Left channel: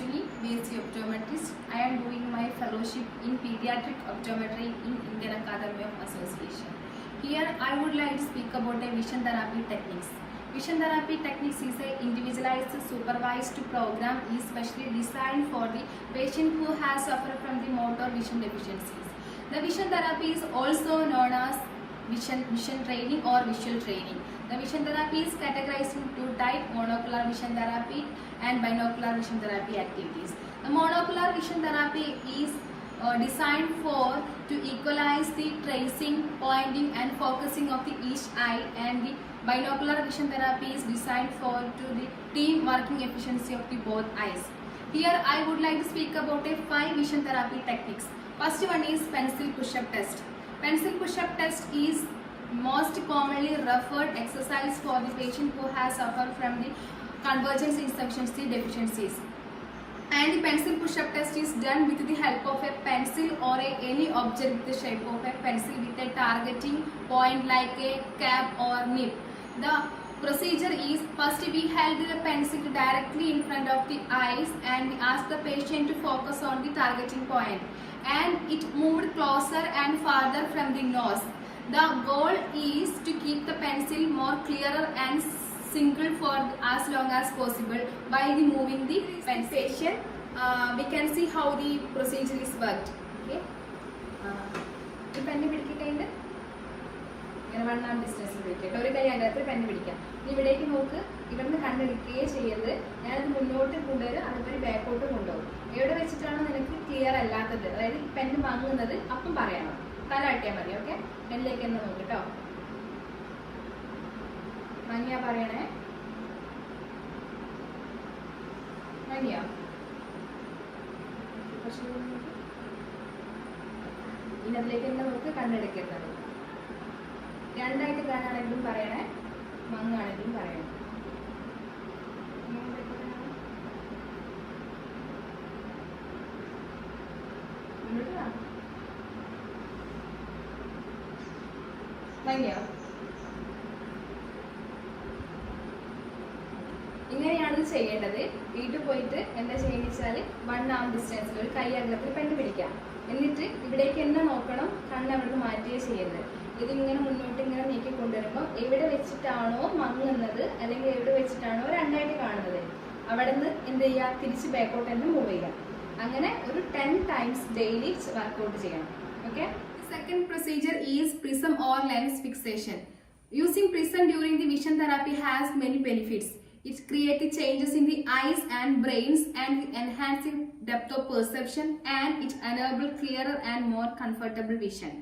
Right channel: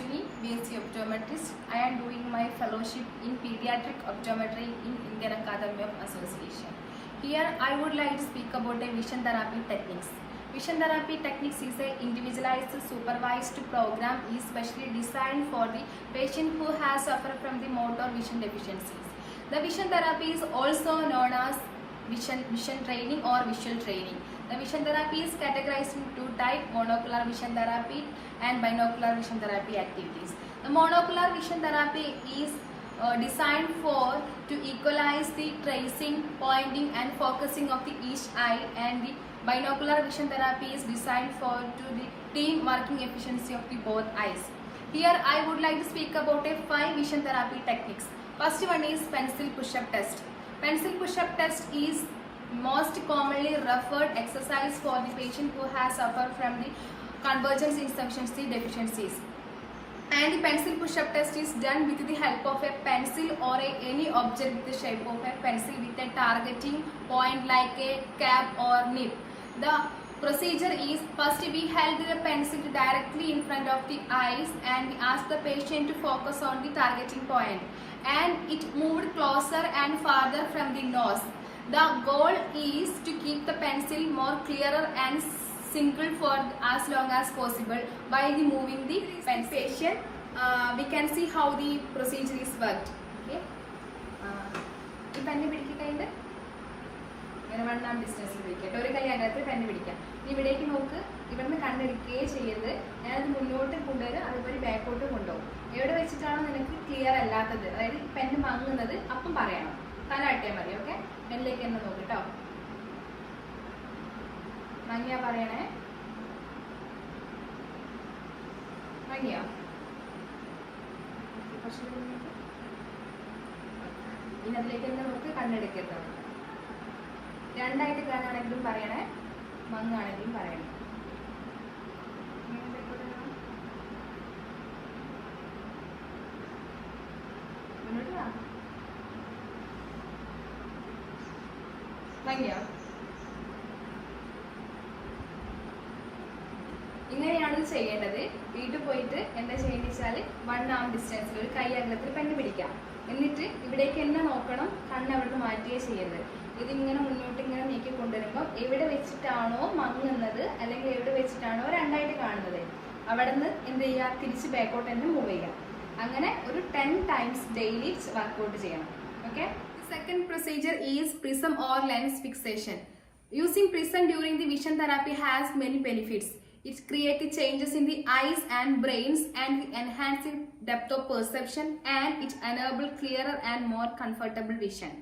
Anjali, BSc Optometrist. I am doing my fellowship in Pediatric Optometry in Indian Academy of Association. Here I would like to speak about the vision therapy techniques. Vision therapy techniques is an individualized supervised program is specially designed for the patient who has suffered from the motor vision deficiencies. The vision therapy is also known as vision training or visual training. The vision therapy is categorized in two types, monocular vision therapy and binocular vision therapy activities. The monocular vision therapy is designed to equalize the tracing, pointing and focusing of the each eye, and the binocular vision therapy is designed to the team working efficiency of the both eyes. Here I would like to speak about 5 vision therapy techniques. First one is pencil push-up test. Pencil push-up test is most commonly referred exercise for the patient who has suffered from the convergence insufficiency deficiencies. And the pencil push-up test is done with the help of a pencil or any object with the shape of a pencil with a targeting point like a cap or nib. The procedure is first we held the pencil directly in front of the eyes and we ask the patient to focus on the targeting point, and it moved closer and farther from the nose. The goal is to keep the pencil more clearer and single for as long as possible by moving the pencil. We can see how the procedure is worked. Okay. The pen പിടിക്കട്ടെ. ഇങ്ങനെ 1 arm distance പിടിക്കട്ടെ. ഒരു കൈ അതിനകത്ത് pen പിടിക്കാം. ഇവിടേക്ക് നോക്ക്. ഇവിടുന്ന് കണ്ണെടുക്കുകയേ ചെയ്യരുത്. ഞാനത് മുന്നോട്ട് കൊണ്ടുവരും, അതുപോലെ ബാക്കോട്ട് കൊണ്ടുപോകും. എവിടെ വെച്ചിട്ടാണ് നിനക്ക് ക്ലിയർ അല്ലാത്തത്, അതായത് പെൻ വാങ്ങുന്നത് അപ്പം പറയണം. തല ആട്ടിയാൽ മതി. ഓക്കെ. പെന്നിലേക്ക് എന്ന് നോക്ക് കേട്ടോ. മഞ്ഞ പറയണേ. മഞ്ഞ ഇന്നതിലേക്ക് തന്നെ നോക്ക്. കണ്ണെടുക്കരുത്. രണ്ടായിട്ട് കാണാണെങ്കിലും പറയണേ, മങ്ങാണെങ്കിലും പറയണേ. ഇങ്ങനെയാണ് ഇത് ചെയ്യേണ്ടത്. വീട്ടിൽ പോയിട്ട് എന്താ ചെയ്യുന്ന വെച്ചാൽ 1 arm ഡിസ്റ്റൻസിൽ ഒരു കൈ അകലത്തിൽ പെണ്ണ് പിടിക്കാം. എന്നിട്ട് ഇവിടേക്ക് തന്നെ നോക്കണം, കണ്ണ് അവിടുന്ന് മാറ്റുകയേ ചെയ്യരുത്. ഇതിങ്ങനെ മുന്നോട്ട് ഇങ്ങനെ നീക്കി കൊണ്ടുവരുമ്പോൾ എവിടെ വെച്ചിട്ടാണോ മങ്ങുന്നത് അല്ലെങ്കിൽ എവിടെ വെച്ചിട്ടാണോ രണ്ടായിട്ട് കാണുന്നത് അവിടെ നിന്ന് എന്ത് ചെയ്യുക, തിരിച്ച് ബാക്കോട്ട് തന്നെ മൂവ് ചെയ്യുക. അങ്ങനെ ഒരു 10 times ഡെയിലി വർക്കൗട്ട് ചെയ്യണം. Okay. Second procedure is prism or lens fixation. Using prism during the vision therapy has many benefits. It creates changes in the eyes and brains and enhances depth of perception, and it enables clearer and more comfortable vision.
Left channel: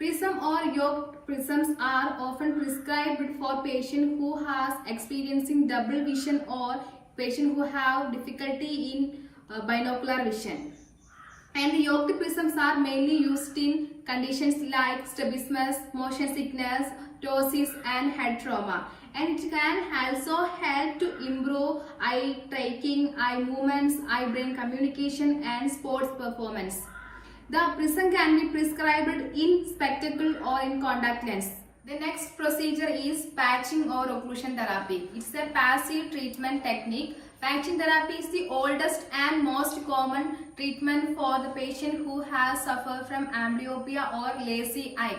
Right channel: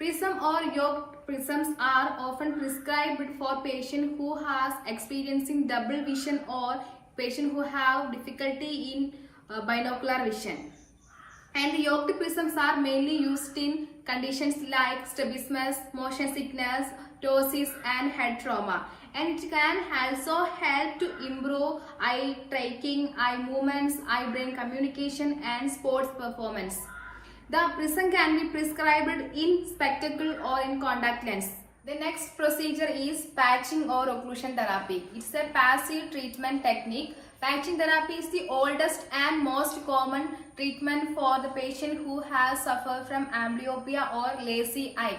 Prism or yoked prisms are often prescribed for patients who has experiencing double vision or patients who have difficulty in binocular vision. And the yoked prisms are mainly used in conditions like strabismus, motion sickness, ptosis and head trauma. And it can also help to improve eye tracking, eye movements, eye-brain communication and sports performance. The prism can be prescribed in spectacle or in contact lens. The next procedure is patching or occlusion therapy. It's a passive treatment technique. Patching therapy is the oldest and most common treatment for the patient who has suffered from amblyopia or lazy eye.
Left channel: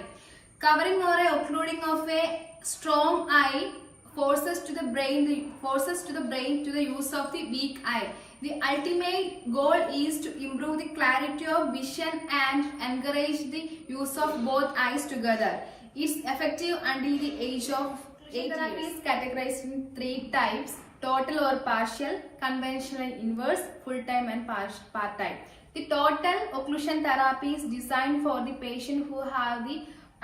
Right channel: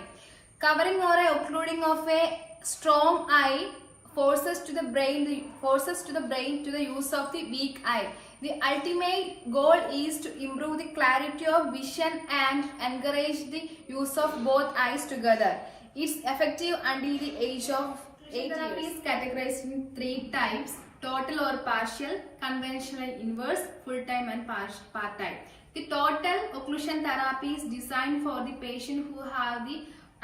Covering or occluding of a strong eye forces to the brain to the use of the weak eye. The ultimate goal is to improve the clarity of vision and encourage the use of both eyes together. It's effective until the age of 8 years. Therapy is categorized in 3 types: total or partial, conventional inverse, full-time and part-time. The total occlusion therapy is designed for the patient who have the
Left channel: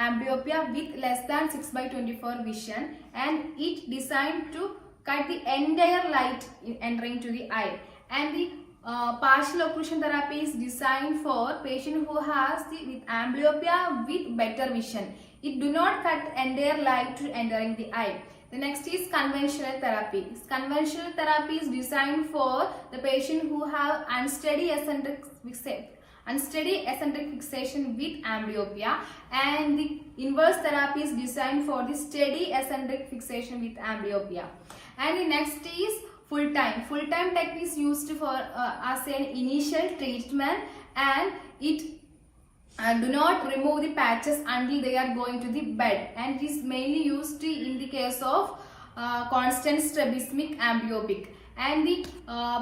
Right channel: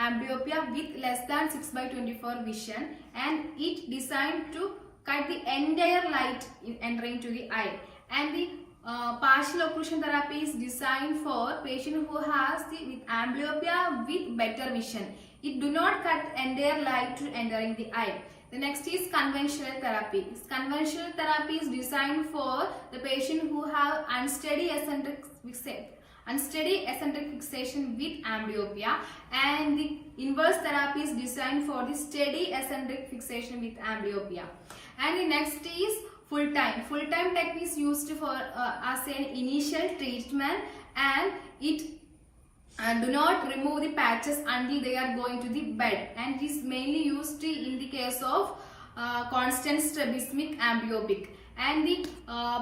amblyopia with less than 6/24 vision, and it designed to cut the entire light entering to the eye. And the partial occlusion therapy is designed for patient who has with amblyopia with better vision. It do not cut entire light entering the eye. The next is conventional therapy. Conventional therapy is designed for the patient who have unsteady eccentric fixation with amblyopia, and the inverse therapy is designed for the steady eccentric fixation with amblyopia. And the next is full time. Full time tech is used for as an initial treatment, and it do not remove the patches until they are going to the bed, and is mainly used in the case of constant strabismic amblyopia. And the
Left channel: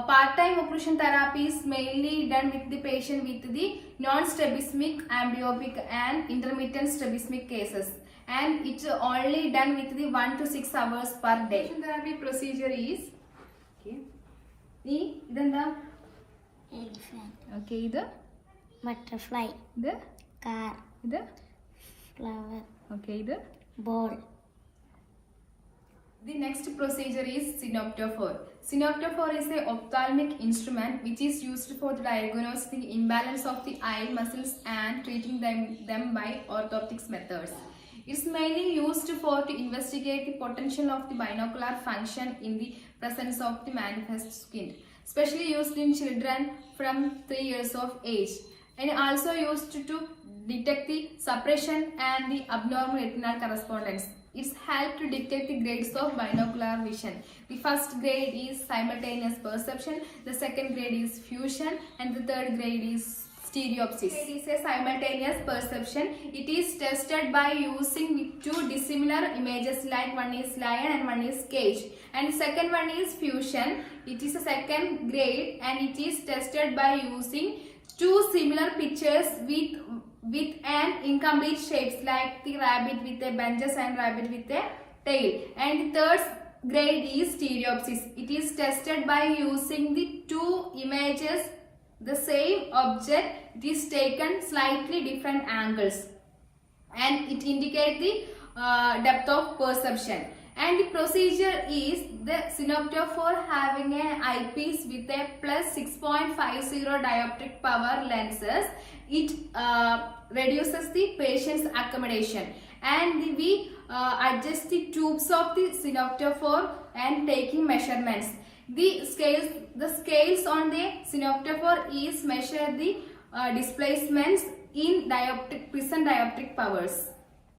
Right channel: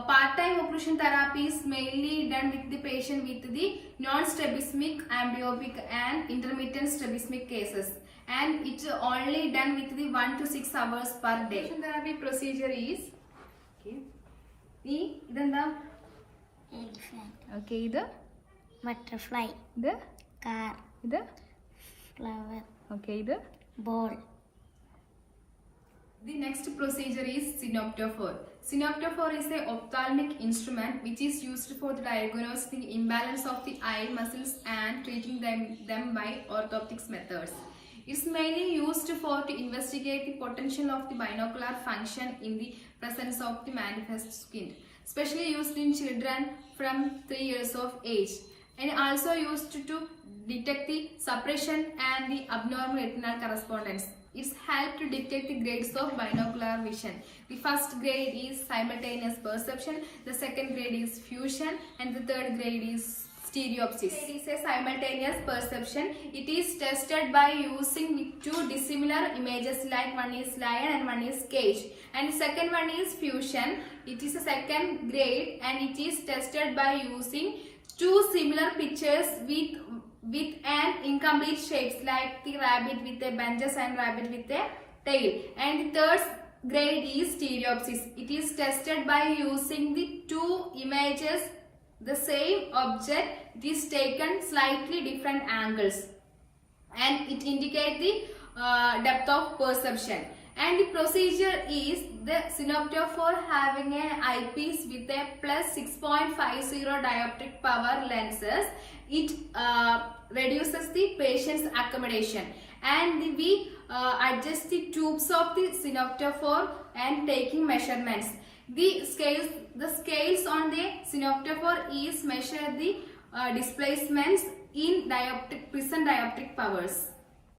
part-time occlusion therapy is mainly done with the patient with the non-strabismic amblyopia and intermittent strabismic cases, and it's only done with the 1 to 6 hours per day. Occlusion therapy procedure is idenda okay, idu butterfly, idu car, idu flower, okay, idu ball. The next procedure is synoptophore. Synoptophore is an ophthalmic instrument which is used for diagnosing the imbalance of the eye muscles and treating them by orthoptics methods. It's mainly used to investigate the potential of the binocular function in the presence of the manifest squint, especially used in children from 3 years of age, and also used to detect the suppression and the abnormal retinal correspondence. It's helped to detect the grades of binocular vision. The first grade is simultaneous perception, the second grade is fusion, and the third grade is stereopsis. It is a simultaneous perception. It is tested by using two dissimilar images, like one is lion and one is cage. And the second one is fusion. It is a second grade, and it is tested by using two similar pictures with an incomplete shapes, like the rabbit with a bunches and rabbit with a tail. And the third grade is stereopsis. It is tested by using the two images, the same object, it is taken slightly different angles, and it indicates the depth of perception. And the procedure is the synoptophore having an eyepiece with a plus 6.50 dioptric power lenses. It reduces the patient's accommodation, and we adjust the tubes of the synoptophore and taking measurements. The scales on the synoptophore is measure the displacements in prism dioptric powers.